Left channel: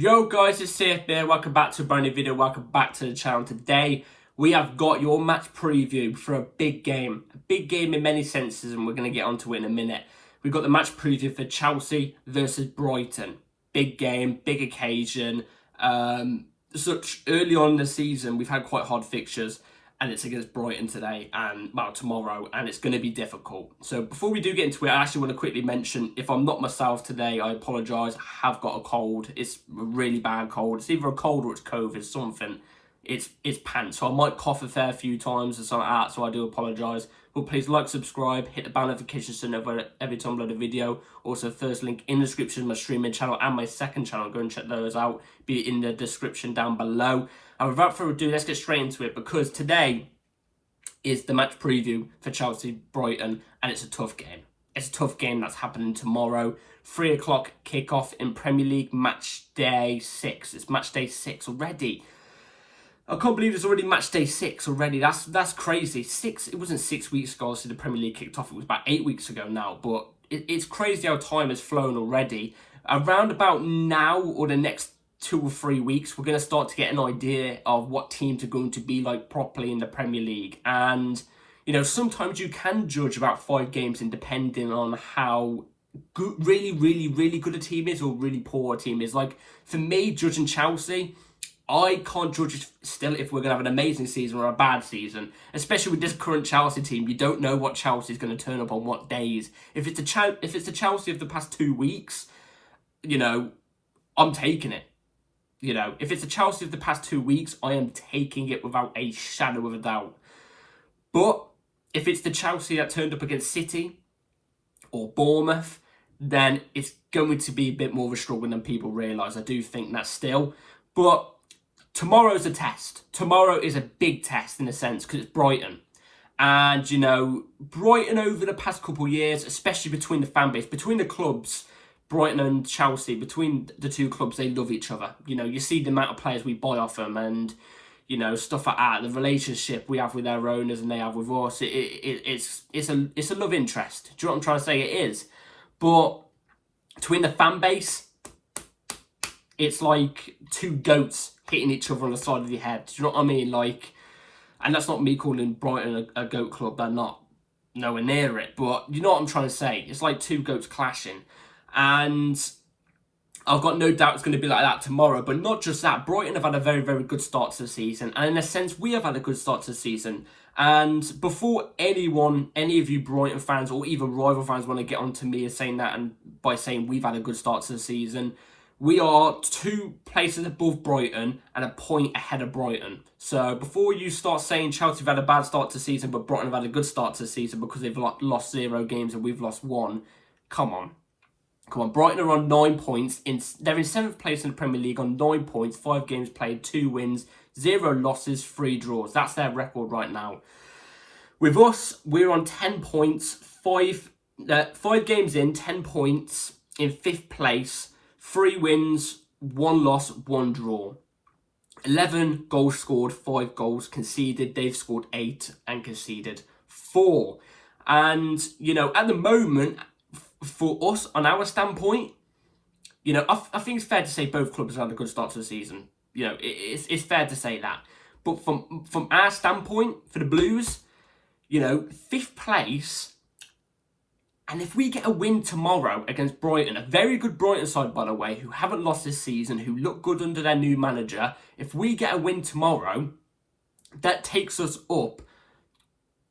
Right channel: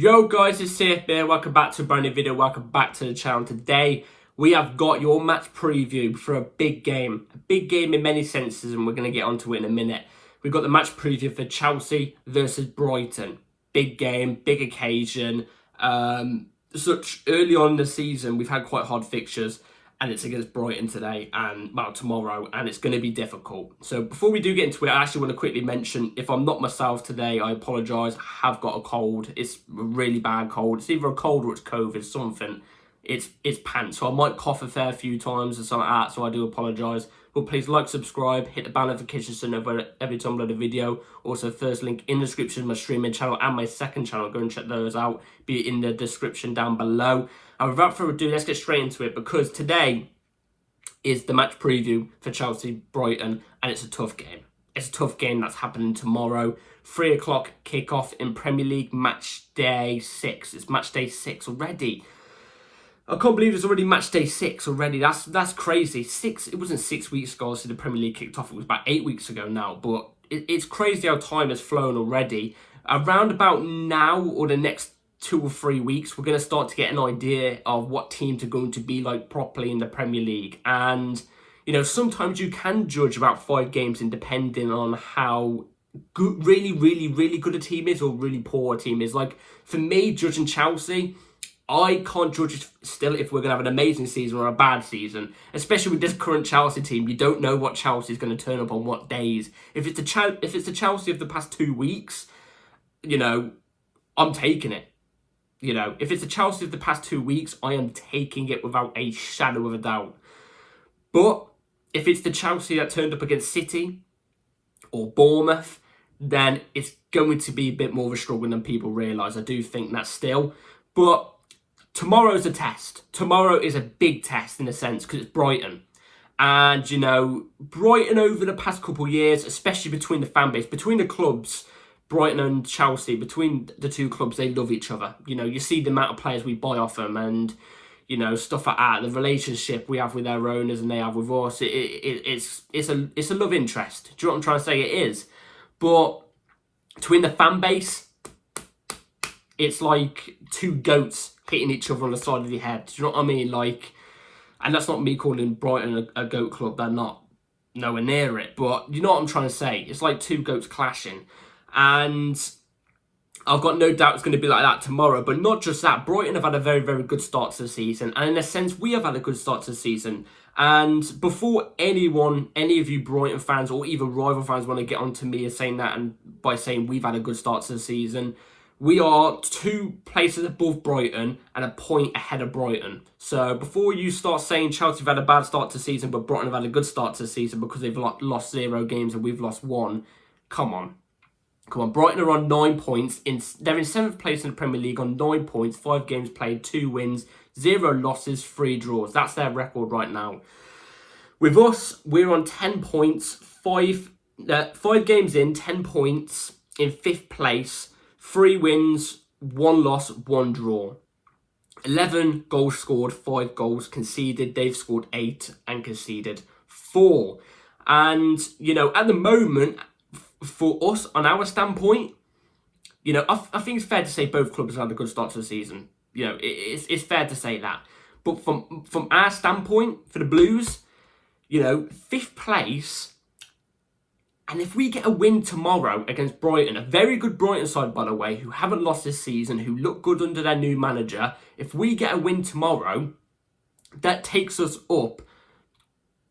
Yo guys, it's CF here. Welcome back to a brand new video. Welcome back to the channel. Today we have got your match preview for a big game. A big game in many senses, and we're going to get onto it in a minute. We've got the match preview for Chelsea versus Brighton. Big game, big occasion. Such early on in the season, we've had quite hard fixtures, and it's against Brighton today and, well, tomorrow, and it's going to be difficult. So before we do get into it, I actually want to quickly mention, if I'm not myself today, I apologise. I have got a cold. It's a really bad cold. It's either a cold or it's COVID, something. It's pants. So I might cough a fair few times or something like that, so I do apologise. But please like, subscribe, hit the bell notification so you know every time I upload a video. Also, first link in the description, my streaming channel and my second channel. Go and check those out. Be in the description down below. And without further ado, let's get straight into it, because today is the match preview for Chelsea-Brighton, and it's a tough game. It's a tough game that's happening tomorrow. 3 o'clock kickoff in Premier League match day 6. It's match day 6 already. I can't believe it's already match day 6 already. That's crazy. It wasn't 6 weeks ago, so the Premier League kicked off. It was about 8 weeks ago now, but it's crazy how time has flown already. Around about now, or the next 2 or 3 weeks, we're going to start to get an idea of what teams are going to be like properly in the Premier League. And, you know, sometimes you can judge about 5 games in depending on how good, really good a team is or really poor a team is. Like, for me, judging Chelsea, I can't judge still if we're going to have an amazing season or a bad season. Especially with this current Chelsea team, you don't know what Chelsea is going to turn up on what days. If it's the Chelsea of the past 2 weeks, you know, I'm taking it. You know, if it's the Chelsea of the past 2 weeks, I am taking it without a shadow of a doubt. But if it's the Chelsea that turned up against City or Bournemouth, then it's going to be a bit more of a struggle than people realise. I do think that still. But tomorrow's a test. Tomorrow is a big test in a sense, because it's Brighton. And, you know, Brighton over the past couple of years, especially between the fan base, between the clubs, Brighton and Chelsea, between the two clubs, they love each other. You know, you see the amount of players we buy off them and, you know, stuff like that. The relationship we have with their owners and they have with us, it's a love interest. Do you know what I'm trying to say? It is. But between the fan base, it's like two goats hitting each other on the side of the head. Do you know what I mean? Like, and that's not me calling Brighton a goat club. They're not nowhere near it. But you know what I'm trying to say? It's like two goats clashing. And I've got no doubt it's going to be like that tomorrow. But not just that. Brighton have had a very good start to the season. And in a sense, we have had a good start to the season. And before any of you Brighton fans or even rival fans want to get onto me as saying that, and by saying we've had a good start to the season, we are 2 places above Brighton and a point ahead of Brighton. So before you start saying Chelsea have had a bad start to the season, but Brighton have had a good start to the season because they've lost 0 games and we've lost 1, come on. Brighton are on 9 points. They're in 7th place in the Premier League on 9 points, 5 games played, 2 wins, 0 losses, 3 draws. That's their record right now. With us, we're on 10 points, 5 games in, 10 points in 5th place, 3 wins, 1 loss, 1 draw. 11 goals scored, 5 goals conceded. They've scored 8 and conceded 4. And, you know, at the moment, for us, on our standpoint, you know, I think it's fair to say both clubs have had a good start to the season. You know, it's fair to say that. But from our standpoint, for the Blues, you know, 5th place, and if we get a win tomorrow against Brighton, a very good Brighton side, by the way, who haven't lost this season, who look good under their new manager, if we get a win tomorrow, that takes us up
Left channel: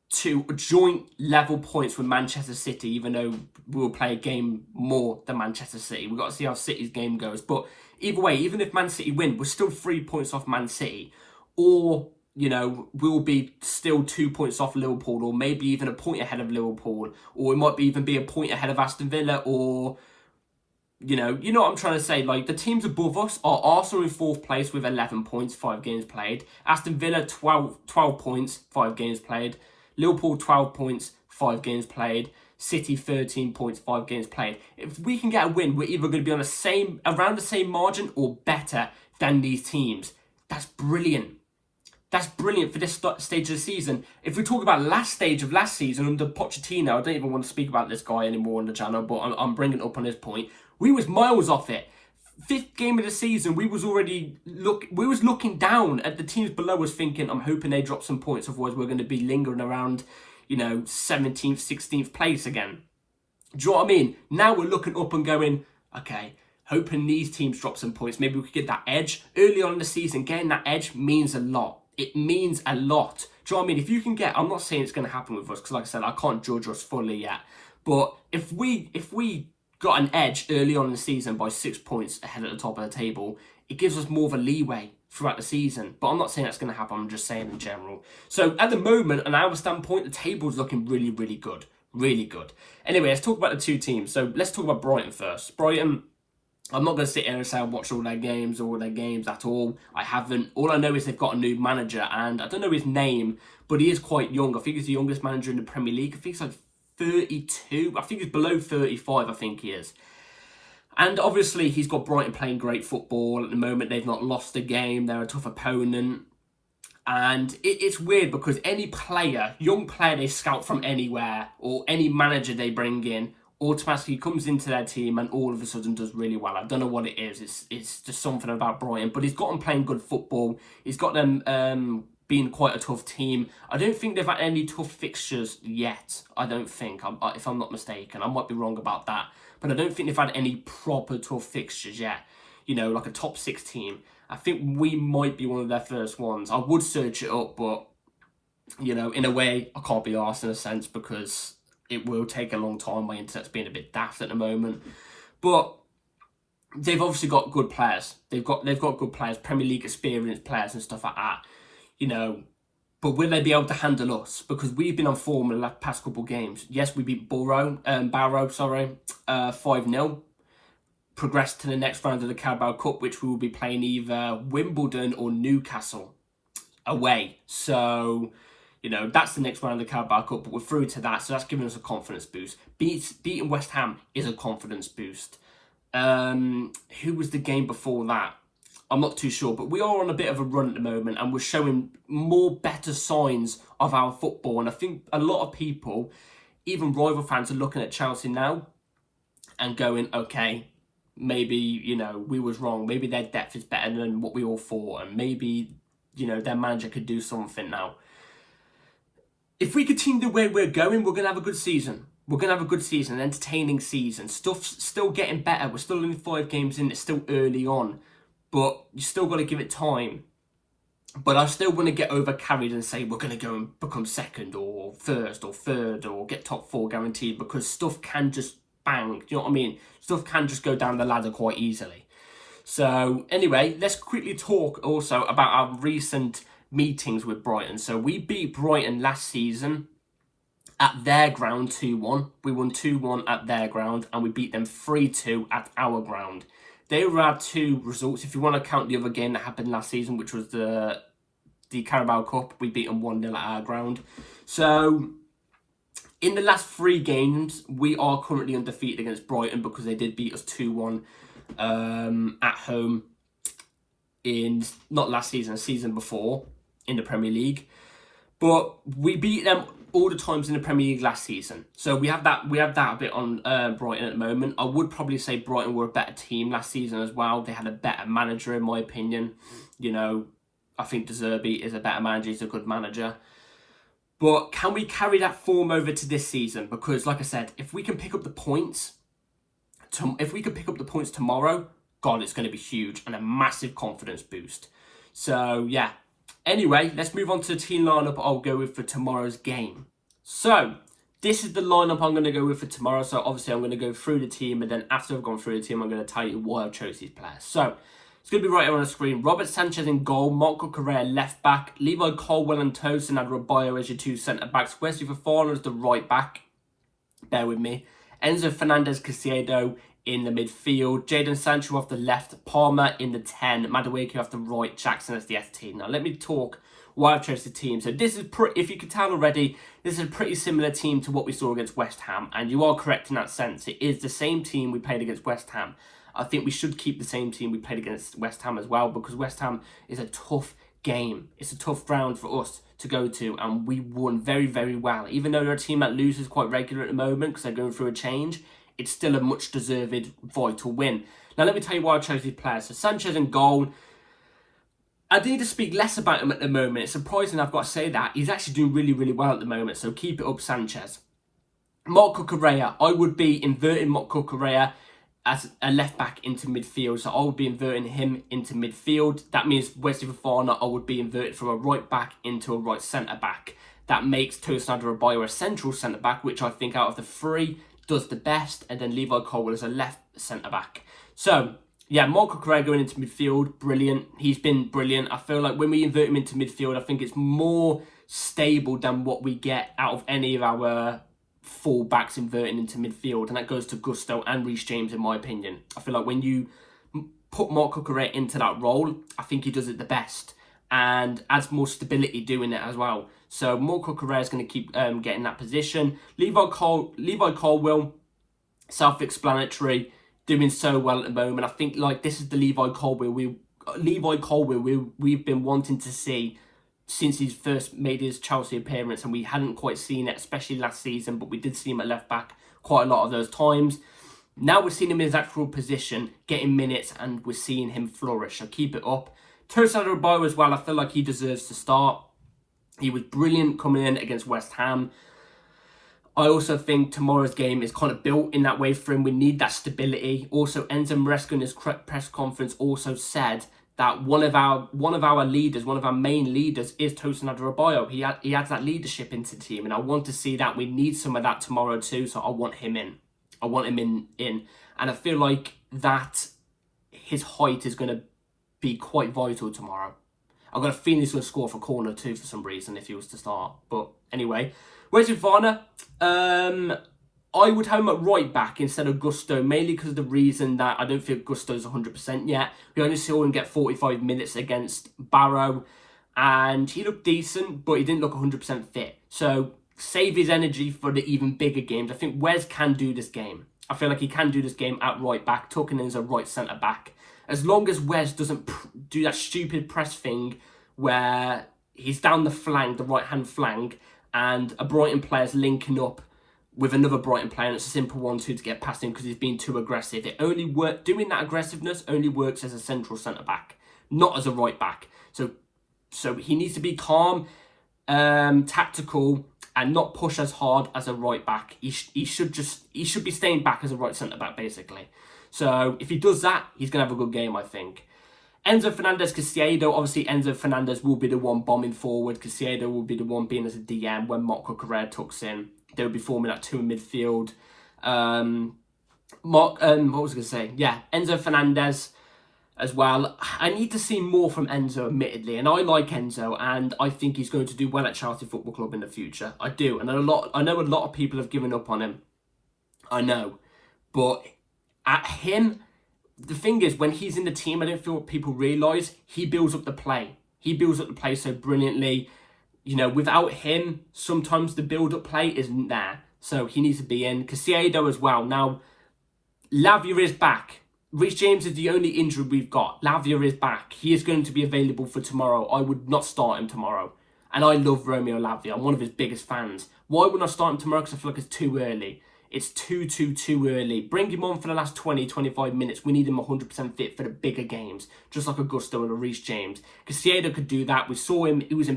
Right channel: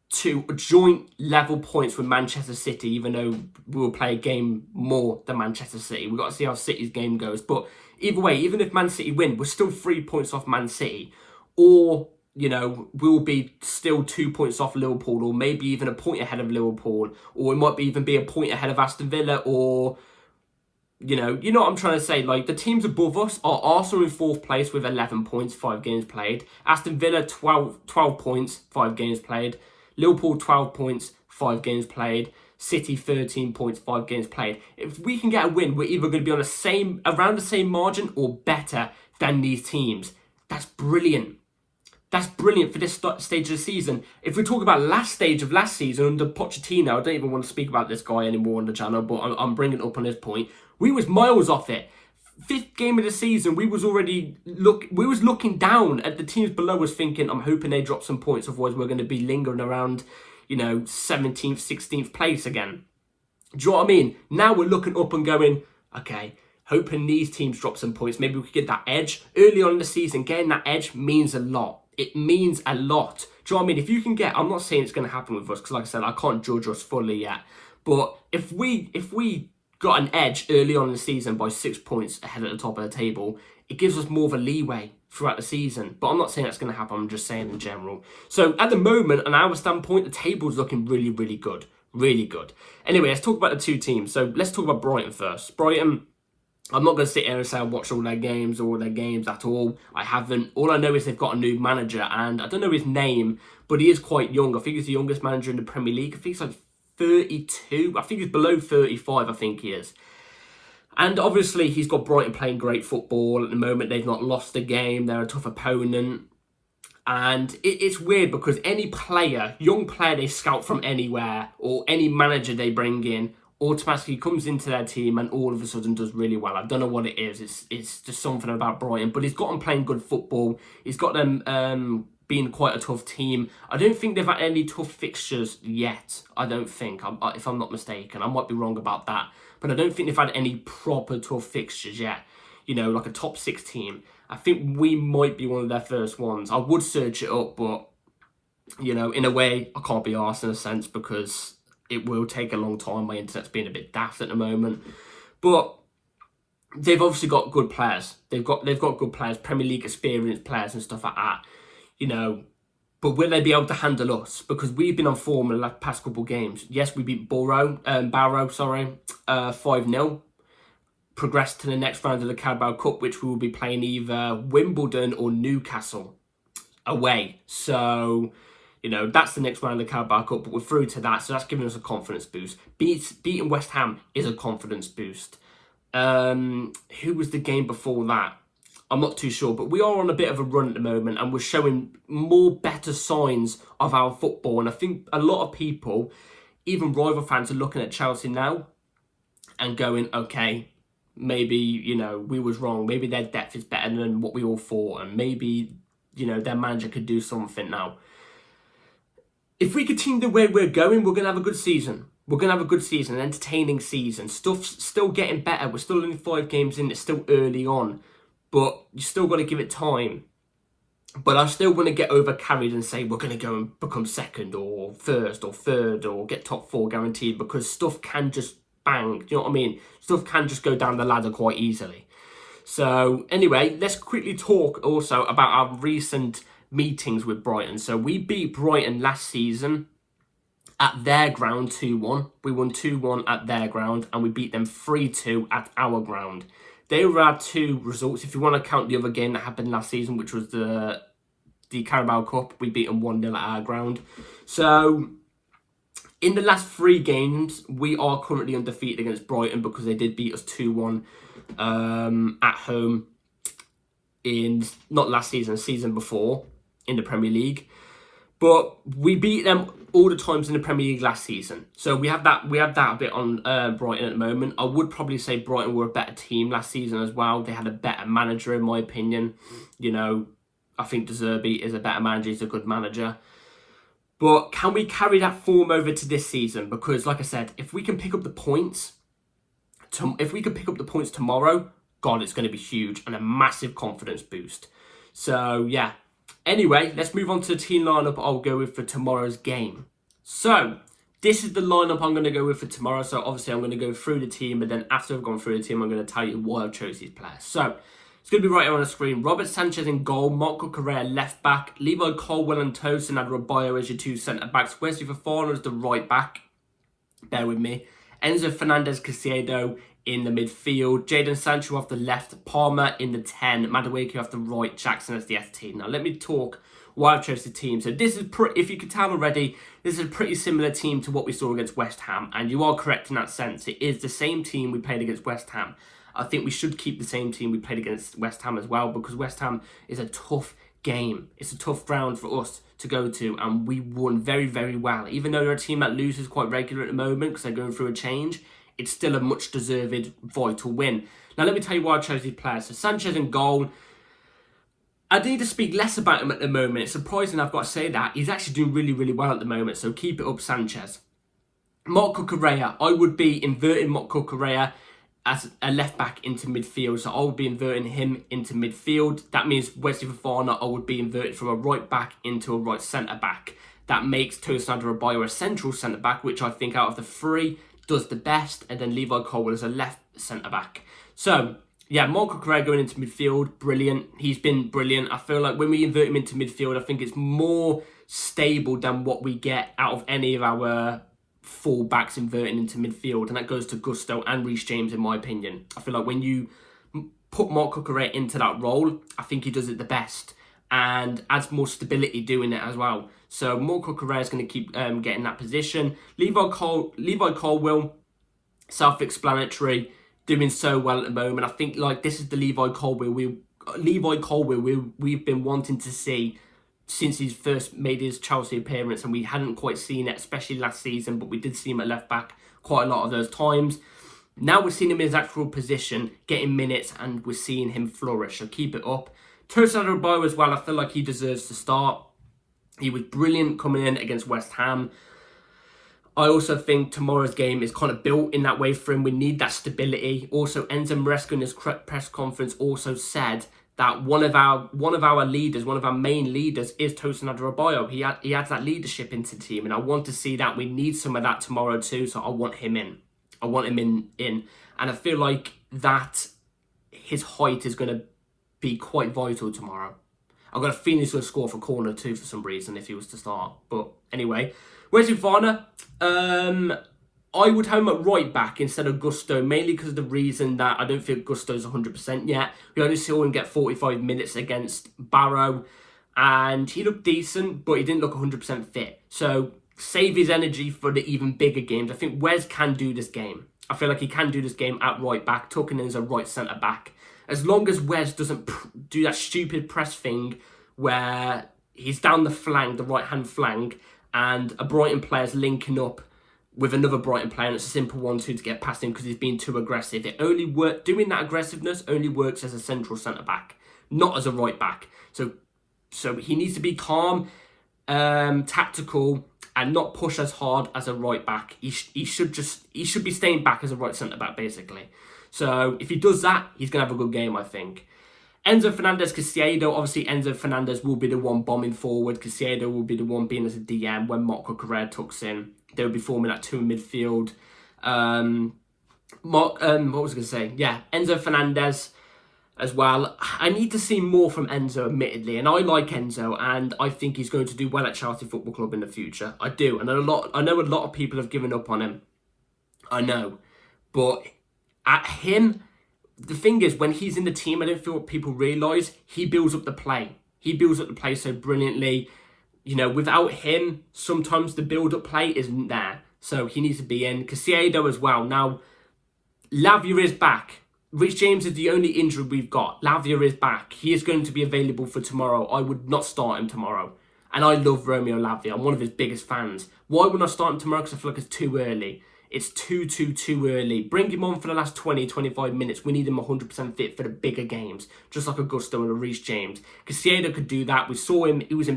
to joint level points with Manchester City, even though we'll play a game more than Manchester City. We've got to see how City's game goes. But either way, even if Man City win, we're still 3 points off Man City. Or, you know, we'll be still 2 points off Liverpool, or maybe even a point ahead of Liverpool. Or it might even be a point ahead of Aston Villa, or, you know what I'm trying to say. Like, the teams above us are Arsenal in 4th place with 11 points, 5 games played. Aston Villa, 12 points, 5 games played. Liverpool, 12 points, 5 games played. City, 13 points, 5 games played. If we can get a win, we're either going to be on around the same margin or better than these teams. That's brilliant. That's brilliant for this stage of the season. If we talk about last stage of last season under Pochettino, I don't even want to speak about this guy anymore on the channel, but I'm bringing it up on this point. We was miles off it. fifth game of the season, we was looking down at the teams below us thinking, I'm hoping they drop some points, otherwise we're going to be lingering around, 17th, 16th place again. Do you know what I mean? Now we're looking up and going, okay, hoping these teams drop some points. Maybe we could get that edge. Early on in the season, getting that edge means a lot. It means a lot. Do you know what I mean? If you can get, I'm not saying it's going to happen with us, because like I said, I can't judge us fully yet. But if we got an edge early on in the season by 6 points ahead at the top of the table, it gives us more of a leeway throughout the season. But I'm not saying that's going to happen. I'm just saying in general. So at the moment, on our standpoint, the table's looking really, really good. Really good. Anyway, let's talk about the two teams. So let's talk about Brighton first. Brighton, I'm not going to sit here and say I watched all their games at all. I haven't. All I know is they've got a new manager, and I don't know his name, but he is quite young. I think he's the youngest manager in the Premier League. I think he's like 32. I think he's below 35, I think he is. And obviously, he's got Brighton playing great football at the moment. They've not lost a game. They're a tough opponent. And it's weird because any player, young player they scout from anywhere, or any manager they bring in, automatically comes into their team and all of a sudden does really well. I don't know what it is. It's just something about Brighton. But he's got them playing good football. He's got them being quite a tough team. I don't think they've had any tough fixtures yet. I don't think, if I'm not mistaken. I might be wrong about that. But I don't think they've had any proper tough fixtures yet. Like a top 6 team. I think we might be one of their first ones. I would search it up, but, in a way, I can't be arsed in a sense because it will take a long time. My internet's being a bit daft at the moment. But they've obviously got good players. They've got good players, Premier League experienced players and stuff like that. But will they be able to handle us? Because we've been on form in the past couple of games. Yes, we beat Barrow, 5-0. Progressed to the next round of the Carabao Cup, which we will be playing either Wimbledon or Newcastle away. So, that's the next round of the Carabao Cup, but we're through to that, so that's giving us a confidence boost. Beating West Ham is a confidence boost. Who was the game before that? I'm not too sure, but we are on a bit of a run at the moment, and we're showing better signs of our football. And I think a lot of people, even rival fans, are looking at Chelsea now and going, okay, maybe, we was wrong. Maybe their depth is better than what we all thought. And maybe, their manager could do something now. If we continue the way we're going, we're going to have a good season. We're going to have a good season, an entertaining season. Stuff's still getting better. We're still only 5 games in. It's still early on. But you still got to give it time. But I still want to get overcarried and say we're going to go and become second or first or third or get top 4 guaranteed, because stuff can just bang. Do you know what I mean? Stuff can just go down the ladder quite easily. So anyway, let's quickly talk also about our recent meetings with Brighton. So we beat Brighton last season at their ground 2-1. We won 2-1 at their ground, and we beat them 3-2 at our ground. They were our 2 results. If you want to count the other game that happened last season, which was the Carabao Cup, we beat them 1-0 at our ground. So in the last 3 games, we are currently undefeated against Brighton because they did beat us 2-1 at home in, not last season, the season before in the Premier League. But we beat them all the times in the Premier League last season. So we have that a bit on Brighton at the moment. I would probably say Brighton were a better team last season as well. They had a better manager, in my opinion. I think De Zerbi is a better manager. He's a good manager. But can we carry that form over to this season? Because, like I said, if we can pick up the points, tomorrow, God, it's going to be huge and a massive confidence boost. So, yeah. Anyway, let's move on to the team lineup I'll go with for tomorrow's game. So, this is the lineup I'm going to go with for tomorrow. So, obviously, I'm going to go through the team, but then after I've gone through the team, I'm going to tell you why I've chose these players. So, it's going to be right here on the screen. Robert Sanchez in goal, Marco Correa left back, Levi Colwill and Tosin Adebayo as your 2 centre-backs, Wesley Fofana as the right back. Bear with me. Enzo Fernandez Caicedo in the midfield, Jadon Sancho off the left, Palmer in the 10, Madueke off the right, Jackson as the FT. Now let me talk why I've chosen the team. So this is, if you could tell already, this is a pretty similar team to what we saw against West Ham, and you are correct in that sense. It is the same team we played against West Ham. I think we should keep the same team we played against West Ham as well, because West Ham is a tough game. It's a tough ground for us to go to, and we won very, very well. Even though they're a team that loses quite regular at the moment because they're going through a change, it's still a much deserved, vital win. Now, let me tell you why I chose these players. So, Sanchez in goal. I need to speak less about him at the moment. It's surprising I've got to say that. He's actually doing really, really well at the moment, so keep it up, Sanchez. Marc Cucurella, I would be inverting Marc Cucurella as a left-back into midfield. So I would be inverting him into midfield. That means Wesley Fofana, I would be inverted from a right-back into a right centre-back. That makes Tosin Adarabioyo a central centre-back, which I think out of the three does the best. And then Levi Colwill as a left centre-back. So, yeah, Marc Cucurella going into midfield, brilliant. He's been brilliant. I feel like when we invert him into midfield, I think it's more stable than what we get out of any of our full backs inverting into midfield, and that goes to Gusto and Reece James in my opinion. I feel like when you put Marc Cucurella into that role, I think he does it the best and adds more stability doing it as well. So Marc Cucurella is going to keep getting that position. Levi Colwill, self-explanatory, doing so well at the moment. I think like this is the Levi Colwill we've been wanting to see since he's first made his Chelsea appearance, and we hadn't quite seen it, especially last season, but we did see him at left back quite a lot of those times. Now we're seeing him in his actual position, getting minutes, and we're seeing him flourish, so keep it up. Tosin Adarabioyo as well, I feel like he deserves to start. He was brilliant coming in against West Ham. I also think tomorrow's game is kind of built in that way for him. We need that stability. Also, Enzo Maresca in his press conference also said that one of our leaders, one of our main leaders, is Tosin Adarabioyo. He adds that leadership into the team, and I want to see that. We need some of that tomorrow too, so I want him in. I want him in. And I feel like that his height is going to be quite vital tomorrow. I've got a feeling he's going to score for corner too for some reason if he was to start. But anyway, Wesley Fofana, I would have him at right back instead of Gusto, mainly because of the reason that I don't think Gusto's 100% yet. We only saw him get 45 minutes against Barrow, and he looked decent, but he didn't look 100% fit. So save his energy for the even bigger games. I think Wes can do this game. I feel like he can do this game at right back, tucking in as a right centre back. As long as Wes doesn't do that stupid press thing where he's down the flank, the right-hand flank, and a Brighton player's linking up with another Brighton player, and it's a simple 1-2 to get past him because he's being too aggressive. Doing that aggressiveness only works as a central centre-back, not as a right-back. So he needs to be calm, tactical, and not push as hard as a right-back. He should be staying back as a right centre-back, basically. So if he does that, he's going to have a good game, I think. Enzo Fernandez, Caicedo. Obviously, Enzo Fernandez will be the one bombing forward. Caicedo will be the one being as a DM when Marc Cucurella tucks in. They will be forming that two in midfield. What was I going to say? Yeah, Enzo Fernandez as well. I need to see more from Enzo, admittedly. And I like Enzo, and I think he's going to do well at Chelsea Football Club in the future. I do. And I know a lot of people have given up on him. I know. But at him, the thing is, when he's in the team, I don't feel what people realise, he builds up the play. He builds up the play so brilliantly. You know, without him, sometimes the build-up play isn't there. So he needs to be in. Caicedo as well. Now, Lavia is back. Reece James is the only injury we've got. Lavia is back. He is going to be available for tomorrow. I would not start him tomorrow. And I love Romeo Lavia. I'm one of his biggest fans. Why wouldn't I start him tomorrow? Because I feel like it's too early. It's too early. Bring him on for the last 20, 25 minutes. We need him 100% fit for the bigger games. Just like Augusto and a Reece James. Caicedo could do that. We saw him. He's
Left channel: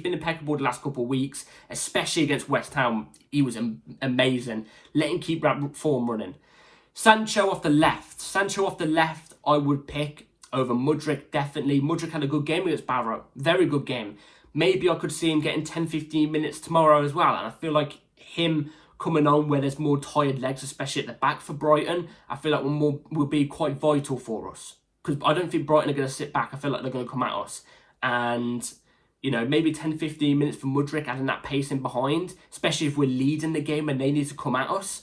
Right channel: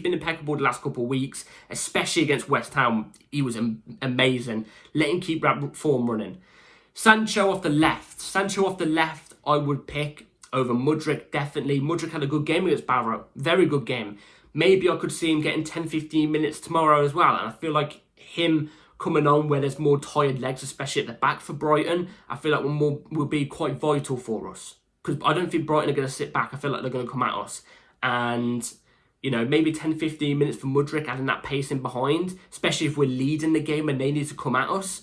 been impeccable the last couple of weeks. Especially against West Ham. He was amazing. Let him keep that form running. Sancho off the left, I would pick over Mudryk, definitely. Mudryk had a good game against Barrow. Very good game. Maybe I could see him getting 10, 15 minutes tomorrow as well. And I feel like him coming on where there's more tired legs, especially at the back for Brighton, I feel like will be quite vital for us. Because I don't think Brighton are going to sit back. I feel like they're going to come at us. And, you know, maybe 10, 15 minutes for Mudryk, adding that pace in behind, especially if we're leading the game and they need to come at us.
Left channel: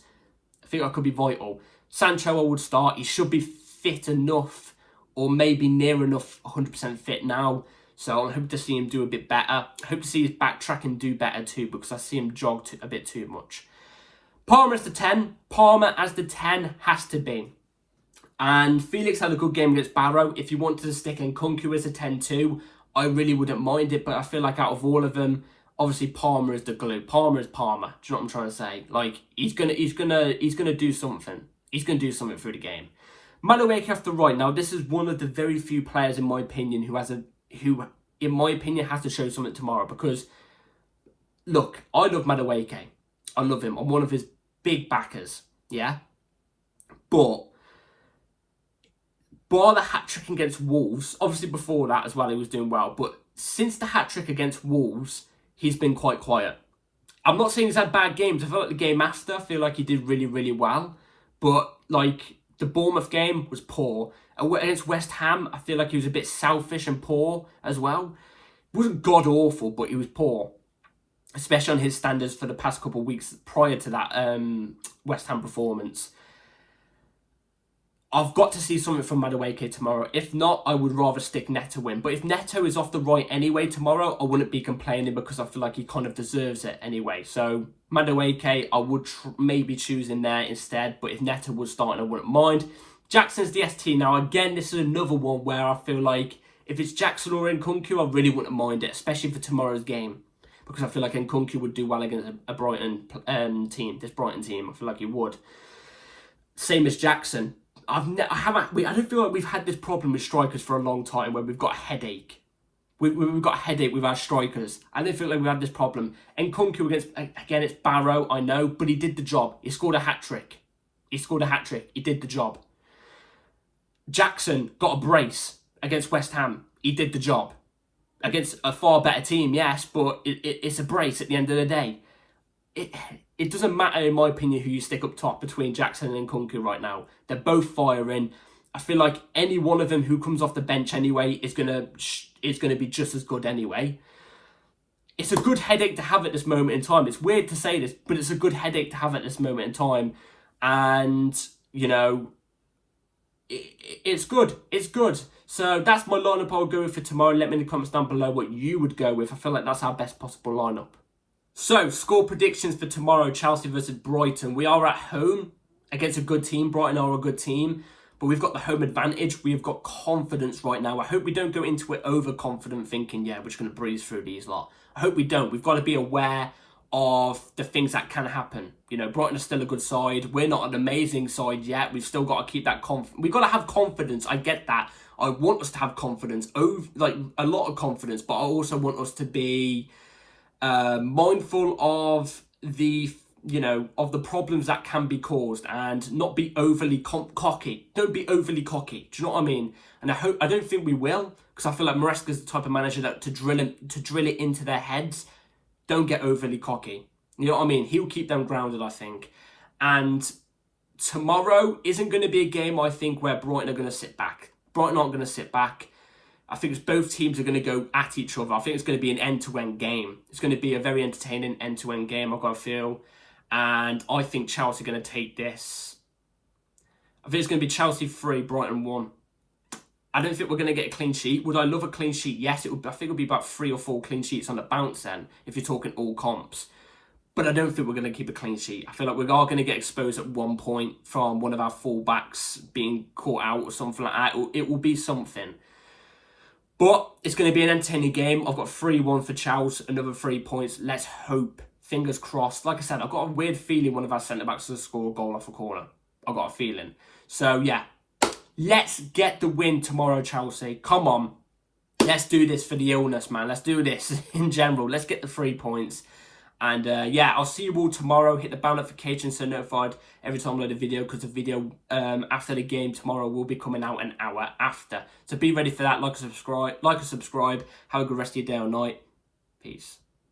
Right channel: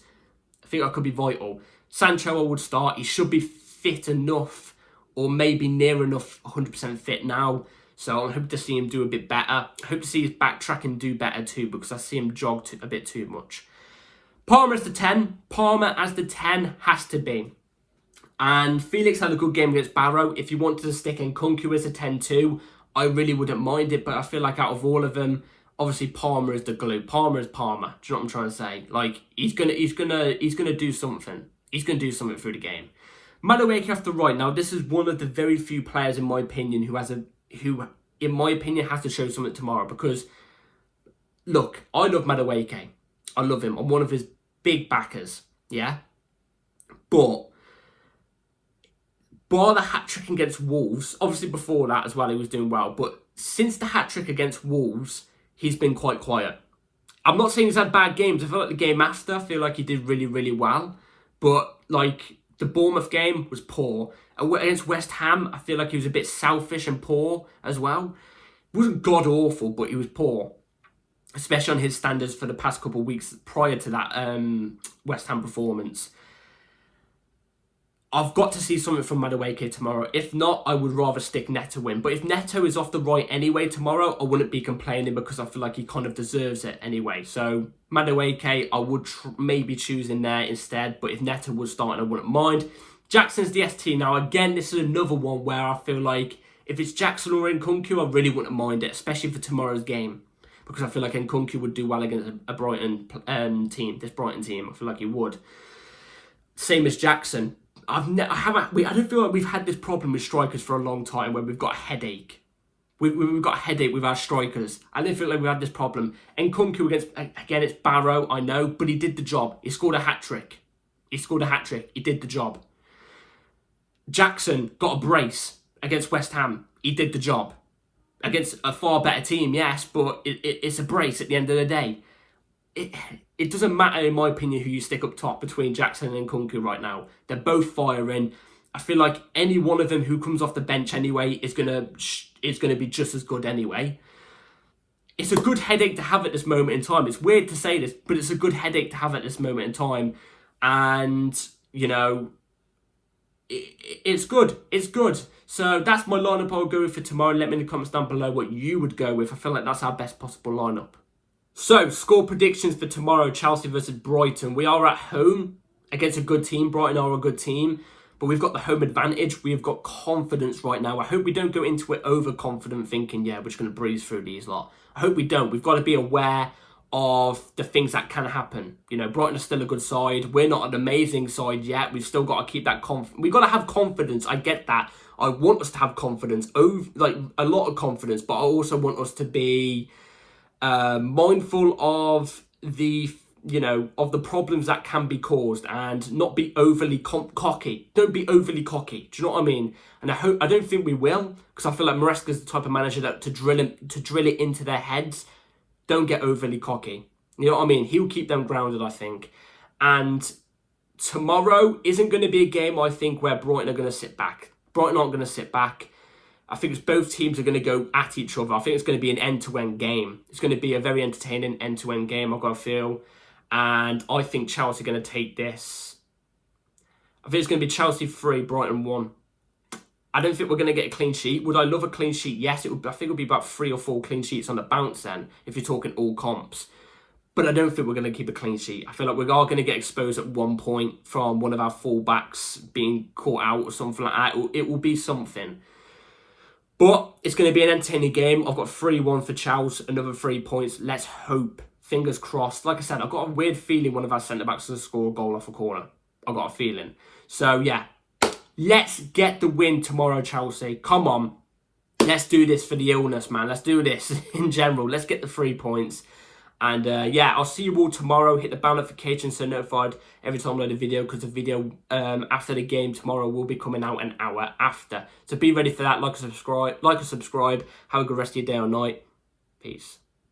I think that could be vital. Sancho, I would start. He should be fit enough, or maybe near enough 100% fit now. So I hope to see him do a bit better. I hope to see his backtracking do better too, because I see him jog a bit too much. Palmer as the 10. Palmer as the 10 has to be. And Felix had a good game against Barrow. If you wanted to stick Nkunku as a 10 too, I really wouldn't mind it. But I feel like out of all of them, obviously Palmer is the glue. Palmer is Palmer. Do you know what I'm trying to say? Like, he's gonna do something. He's gonna do something through the game. Madueke off the right. Now, this is one of the very few players, in my opinion, who, in my opinion, has to show something tomorrow. Because, look, I love Madueke. I love him. I'm one of his big backers. Yeah? But, bar the hat-trick against Wolves, obviously before that as well, he was doing well. But since the hat-trick against Wolves, he's been quite quiet. I'm not saying he's had bad games. I feel like the game after, I feel like he did really, really well. But, like, the Bournemouth game was poor. Against West Ham, I feel like he was a bit selfish and poor as well. He wasn't god-awful, but he was poor. Especially on his standards for the past couple of weeks prior to that West Ham performance. I've got to see something from Madueke tomorrow. If not, I would rather stick Neto in. But if Neto is off the right anyway tomorrow, I wouldn't be complaining because I feel like he kind of deserves it anyway. So, Madueke, I would maybe choose in there instead. But if Neto was starting, I wouldn't mind. Jackson's the ST. Now, again, this is another one where I feel like if it's Jackson or Nkunku, I really wouldn't mind it, especially for tomorrow's game. Because I feel like Nkunku would do well against a Brighton team. This Brighton team, I feel like he would. Same as Jackson. I don't feel like we've had this problem with strikers for a long time where we've got a headache. We've got a headache with our strikers. I don't feel like we've had this problem. Nkunku against, again, it's Barrow, I know, but he did the job. He scored a hat-trick. He did the job. Jackson got a brace against West Ham. He did the job. Against a far better team, yes, but it's a brace at the end of the day. It doesn't matter, in my opinion, who you stick up top between Jackson and Nkunku right now. They're both firing. I feel like any one of them who comes off the bench anyway is gonna be just as good anyway. It's a good headache to have at this moment in time. It's weird to say this, but it's a good headache to have at this moment in time. And, you know, it's good. It's good. So that's my lineup I'll go with for tomorrow. Let me in the comments down below what you would go with. I feel like that's our best possible lineup. So, score predictions for tomorrow, Chelsea versus Brighton. We are at home against a good team. Brighton are a good team, but we've got the home advantage. We've got confidence right now. I hope we don't go into it overconfident thinking, yeah, we're just going to breeze through these lot. I hope we don't. We've got to be aware of the things that can happen. You know, Brighton are still a good side. We're not an amazing side yet. We've still got to keep that confidence. We've got to have confidence. I get that. I want us to have confidence, like a lot of confidence, but I also want us to be mindful of the problems that can be caused and not be overly cocky. Don't be overly cocky. Do you know what I mean? And I don't think we will, because I feel like Maresca's the type of manager that to drill it into their heads. Don't get overly cocky. You know what I mean? He'll keep them grounded, I think. And tomorrow isn't going to be a game, I think, where Brighton are going to sit back. Brighton aren't going to sit back. I think it's both teams are going to go at each other. I think it's going to be an end-to-end game. It's going to be a very entertaining end-to-end game, I've got a feel. And I think Chelsea are going to take this. I think it's going to be Chelsea 3, Brighton 1. I don't think we're going to get a clean sheet. Would I love a clean sheet? Yes, I think it would be about 3 or 4 clean sheets on the bounce then, if you're talking all comps. But I don't think we're going to keep a clean sheet. I feel like we are going to get exposed at one point from one of our fullbacks being caught out or something like that. It will be something. But it's going to be an entertaining game. I've got 3-1 for Chelsea, another 3 points. Let's hope. Fingers crossed. Like I said, I've got a weird feeling one of our centre-backs will score a goal off a corner. I've got a feeling. So, yeah. Let's get the win tomorrow, Chelsea. Come on. Let's do this for the illness, man. Let's do this in general. Let's get the 3 points. And, yeah, I'll see you all tomorrow. Hit the bell notification so notified every time I load a video, because the video after the game tomorrow will be coming out an hour after. So be ready for that. Like and subscribe. Have a good rest of your day or night. Peace.